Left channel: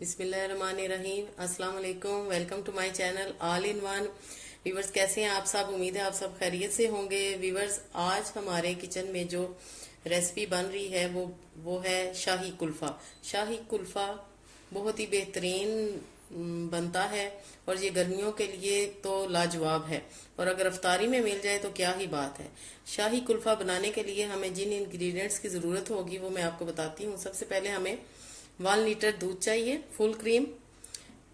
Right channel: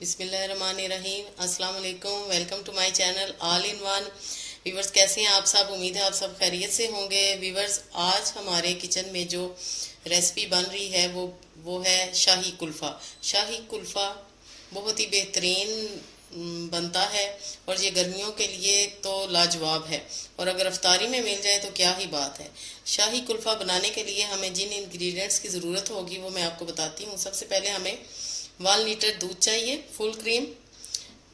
बिस्मिल्लाहिर्रहमानिर्रहीम। अस्सलाम वालेकुम। Welcome to my channel all in one. Viewers, कैसे हैं आप सब? उम्मीद है आप सब खैरियत से होंगे। व्यूवर्स, आज हमारे किचन में जो रेसिपी बन रही है वो है शाही कुल्फ़ा। शाही कुल्फ़ा बहुत ही बेहतरीन बनता है और ये गर्मियों के लिए तो लाजवाब है, और अगर अफ्तारी में मिल जाए तो क्या ही बात है। शाही कुल्फ़ा बनाने के लिए हमें जिन इंग्रेडिएंट्स की ज़रूरत होगी वो मैं आपको बताती हूँ। सबसे पहले हमें 1 लीटर दूध चाहिए, फुल क्रीम।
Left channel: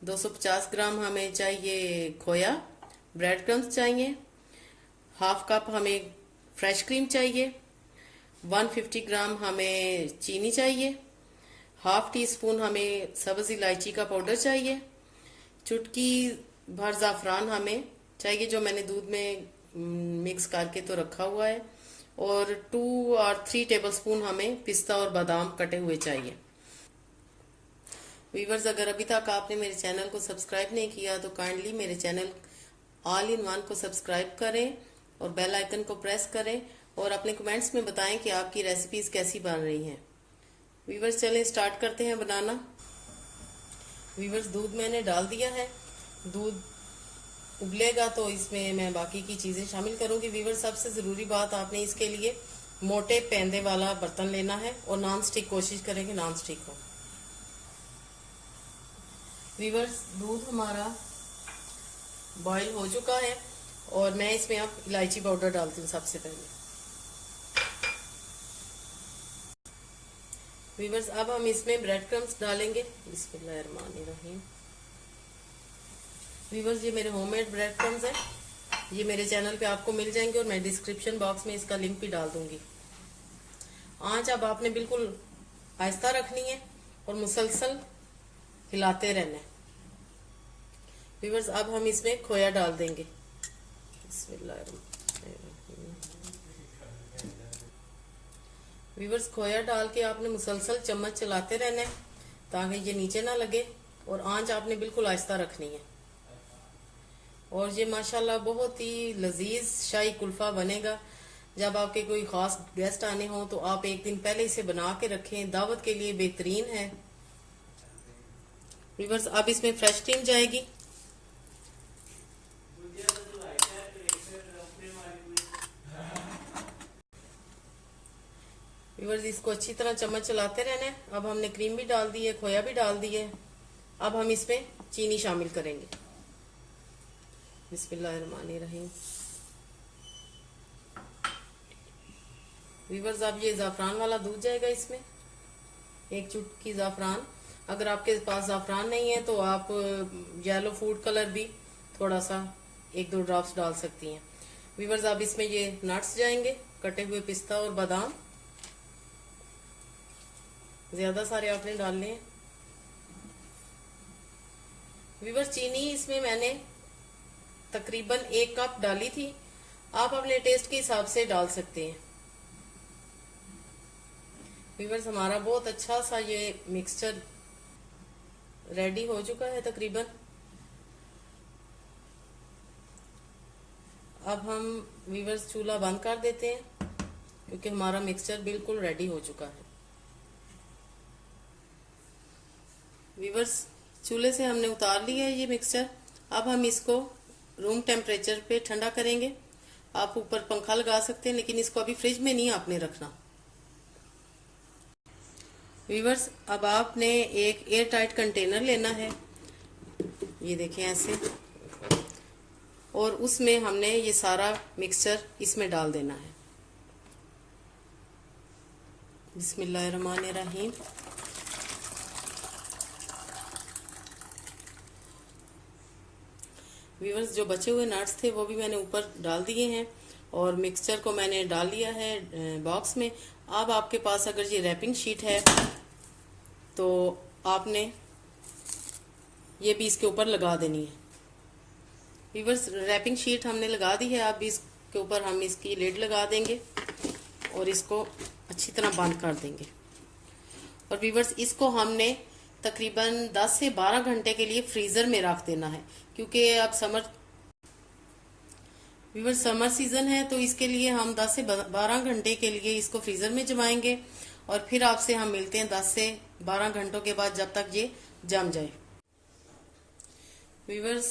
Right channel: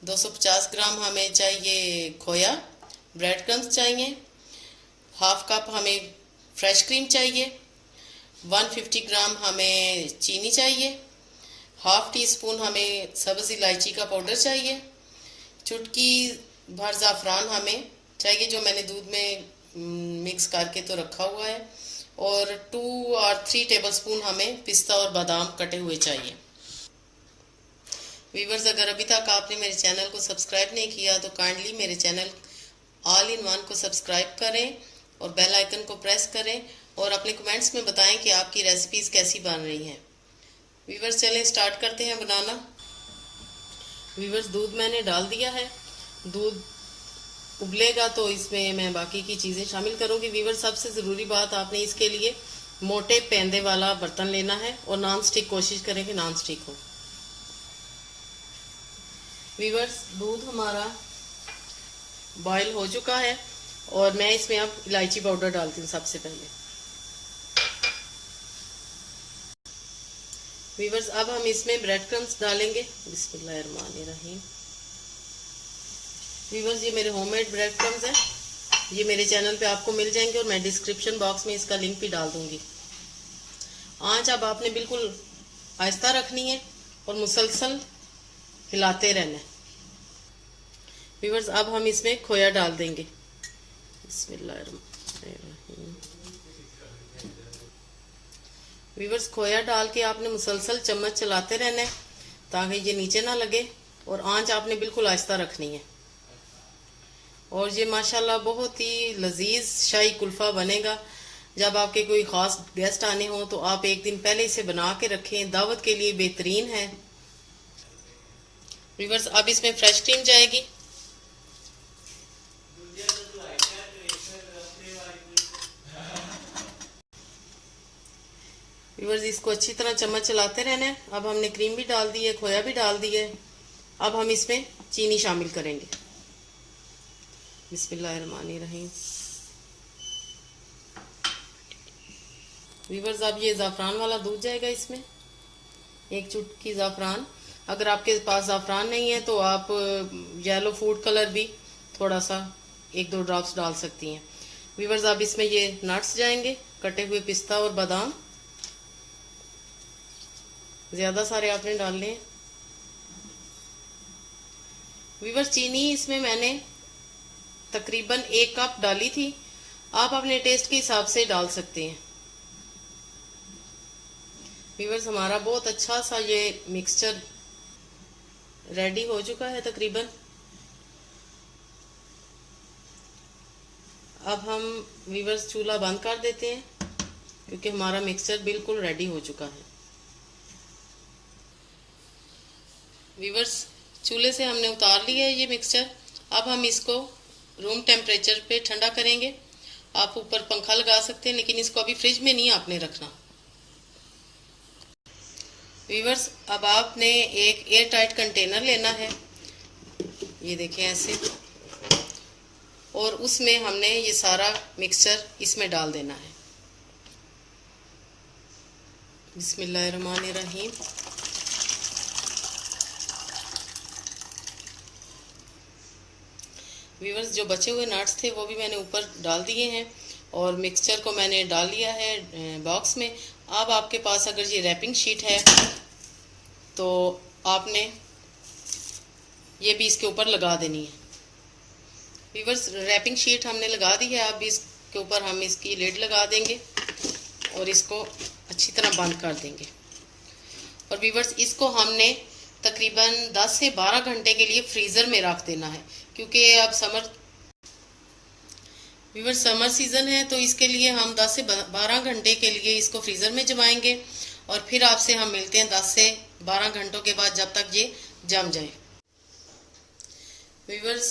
250 ग्राम हमें चाहिए खोया। ब्रेड क्रम्स चाहिए। हाफ कप हमें फ्रेश क्रीम चाहिए। 150 ग्राम हमें चीनी चाहिए। हाफ टी स्पून हमें सब्ज़ इलायची का पाउडर चाहिए। चुटकी भर ज़ाफ़रान हमें चाहिए, जो मैंने दूध में मिक्स करके तो रखा हुआ है। और 2 और 3 टेबल स्पून हमें पिस्ता और बादाम कटे हुए चाहिए। व्यूवर्स, अगर अभी तक आपने मेरे चैनल को सब्सक्राइब नहीं किया तो काइंडली मेरे चैनल ऑल इन वन को सब्सक्राइब करें और बेल आइकन को प्रेस करें और अपने कमेंट्स में बताएं कि आपकी रेसिपीज़ कैसी बन रही हैं। व्यूवर्स, चलें स्टार्ट करते हैं बनाना। व्यूवर्स, दूध मैंने डाल दिया है। दूध उबलेगा तो इसमें मैं बाकी की चीज़ें शामिल करूंगी। व्यूवर्स, सबसे ज़रूरी बात, आपने इसके लिए मोटे पेंदे वाला बर्तन लेना है और नॉन स्टिक कोशिश करें कि नॉन स्टिक हो। व्यूवर्स, दूध हमारा बॉयल हो चुका है और मैं इसमें अब इलायची पाउडर डालती हूँ सबसे पहले। व्यूवर्स, अब हम इसमें ब्रेड क्रम्स डालेंगे। बिस्मिल्लाहिर्रहमानिर्रहीम। व्यूवर्स, ये मेरे होममेड ब्रेड क्रम्स हैं। ये मेरे चैनल पे आपको मिल जाएंगे और मैं डिस्क्रिप्शन बॉक्स में इसका लिंक भी डाल दूंगी। आंच अब आपने बिल्कुल आहिस्ता रखनी है और मुसलसल हिलाते रहना है। व्यूवर्स, अब हम इसमें खोया डाल देंगे। बिस्मिल्लाहिर्रहमानिर्रहीम। व्यूवर्स, खोया डाल के आपने मुसलसल चम्मच चलाते रहना है ताकि ये नीचे ना लगे, और आंच आपने बिल्कुल आहिस्ता रखनी है। और ये माशाल्लाह बहुत ही लजीज शाही कुल्फ़ा बनेगा। जब आपके कोई ख़ास गेस्ट आने हो तो आप एक दिन पहले इसे बना के रखें, दावत के लिए बेहतरीन है। व्यूवर्स, अब इसमें फ्रेश क्रीम जाएगी। व्यूवर्स, इसको अच्छी तरह चम्मच चलाते रहना है। अब हमने क्रीम भी डाल दी है, खोया भी डाल दी है। अब हम इसमें चीनी शामिल करेंगे। बिस्मिल्लाहिर्रहमानिर्रहीम। व्यूवर्स, अब ये ज़ाफ़रान वाला दूध जाएगा इसमें, 1 चुटकी ज़ाफ़रान। अगर आपके पास ज़ाफ़रान नहीं है तो आप येलो फूड कलर भी थोड़ा सा 1-2 ड्रॉप्स डाल सकती हैं। व्यूवर्स, अब इसमें ये नट्स जाएंगे, कटे हुए पिस्ता और बादाम। ज़्यादा सारे आपने डालने हैं। व्यूवर्स, चीनी इसमें मैंने तकरीबन 1 कप डाली थी। आप अपने टेस्ट के हिसाब से डाल सकते हैं। व्यूवर्स, हमारा बहुत अच्छा सा ये मिक्सचर रेडी हो चुका है तकरीबन। अब हम व्यूवर्स चूल्हा बंद कर देते हैं क्योंकि हमारा मिक्सचर बिल्कुल रेडी हो चुका है। व्यूवर्स, चूल्हे से हमने उतार लिया है ये मिक्सचर। अब हम इसको रूम टेम्परेचर पे ठंडा करेंगे। आप ऊपर पंखा लगा सकते हैं, लेकिन इसको अभी फ्रिज में नहीं आपने रखना। व्यूवर्स, अब आपने एक एयर टाइट कंटेनर लेना है, ये देखें ऐसे, और उसमें हमने ये सारा मिक्सचर इसमें डाल देना है। बिस्मिल्लाहिर्रहमानिर्रहीम। व्यूवर्स, जो बचे हुए नट्स थे वो भी मैंने ऊपर डाल दिए हैं और मिक्सचर को मैंने डाल लिया है बॉक्स में। अब आपके पास अगर ये रैपिंग शीट है तो आपने ये भी इसके ऊपर लगा देनी है। व्यूवर्स, रैपिंग शीट हमने लगा दी है। अब इसके ऊपर हम इसकी लिड लगा देंगे और इसको अच्छी तरह बंद कर देंगे। और व्यूवर्स, इसको हमने तकरीबन 10 से 12 घंटे के लिए फ्रीज़र में रख देना है, क्योंकि अब समर सीज़न है तो इसके लिए हम 10 से 12 घंटे के लिए इसको फ्रीज़र में जमाएंगे। और फिर आपसे हम मिलते हैं 10 से 12 घंटों के बाद, जब तक ये जम जाए। व्यूअर्स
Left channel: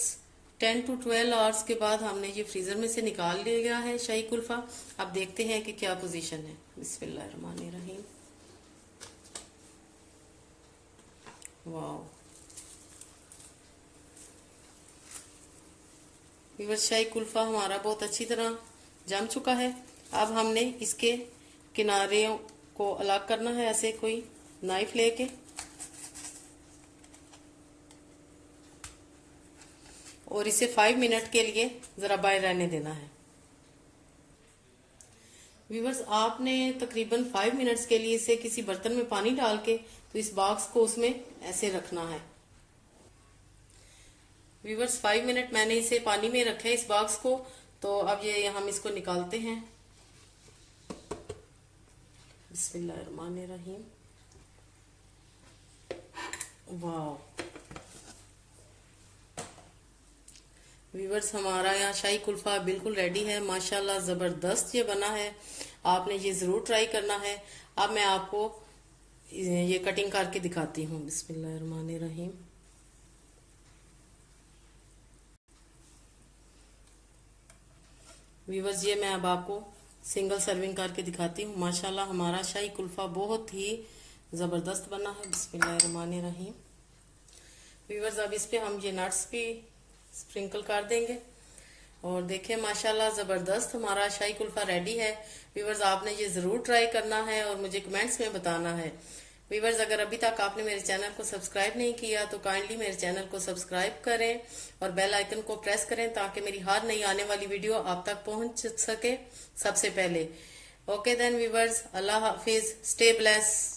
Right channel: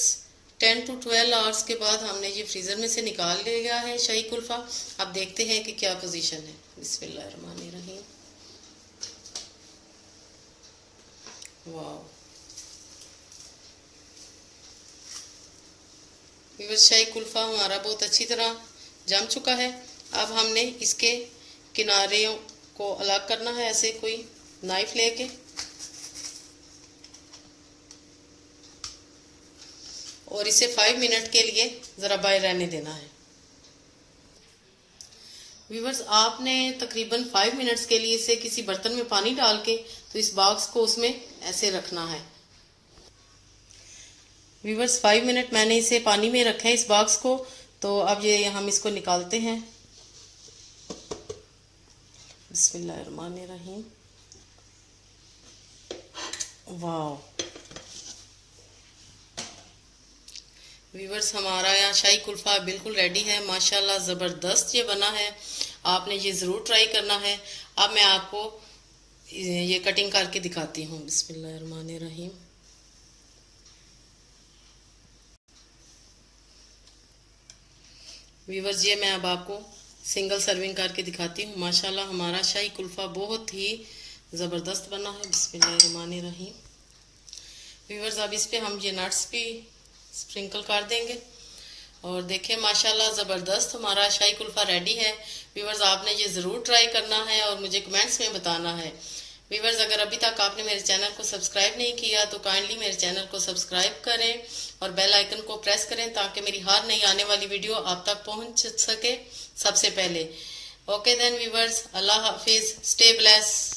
10 to 12 आवर्स के बाद हमने ये फ्रीज़र में से निकाल लिया है शाही कुल्फ़ा। अब देखते हैं कि क्या पोजीशन है। बिस्मिल्लाहिर्रहमानिर्रहीम। वाह व्यूअर्स, शाही कुल्फ़ा हमारा बहुत अच्छी तरह जम चुका है। अब हमने इसके किनारों को अलग करना है, ऐसे कोई नाइफ लेके, और इसे 5 मिनट के लिए ज़रा बाहर रहने देना है। व्यूअर्स, आपने तकरीबन 5 मिनट्स के लिए इसे किसी बर्तन में पानी डाल के तो इस बॉक्स को उसमें ऐसे रखना है। व्यूअर्स, 5 मिनट मैंने इसे पानी में रखा है इस बॉक्स को। तो अब ये हम इसको निकालते हैं। बिस्मिल्लाहिर्रहमानिर्रहीम। वाह व्यूअर्स, हमारा यहाँ शाही कुल्फ़ा बिल्कुल रेडी है। माशाल्लाह ज़बरदस्त ये बना है। आपने ये ज़रूर ट्राई करना है। अब मैं आपको ये कटिंग करके दिखाती हूँ। बिस्मिल्लाहिर्रहमानिर्रहीम। व्यूअर्स, ये मैं अब आपको सिंगल सर्विंग करके दिखाती हूँ। माशाल्लाह हमारा शाही कुल्फ़ा बहुत ही ज़बरदस्त बना है। बिस्मिल्लाहिर्रहमानिर्रहीम। व्यूअर्स, अब इस पे हम ये नट्स भी स्प्रिंकल कर देंगे। और देखें माशाल्लाह ज़बरदस्त हमारा शाही कुल्फ़ा रेडी है। व्यूअर्स, आपने ये ज़रूर ट्राई करना है और मुझे कमेंट्स में बताना है। व्यूअर्स, अगर अभी तक आपने मेरे चैनल को सब्सक्राइब नहीं किया तो काइंडली मेरे चैनल को सब्सक्राइब करें और बेल आइकन को प्रेस करें ताकि मेरी हर नई आने वाली वीडियो आप तक पहुंच सके सबसे पहले। ओके देन व्यूअर्स, अल्लाह हाफिज़, स्टे ब्लेस।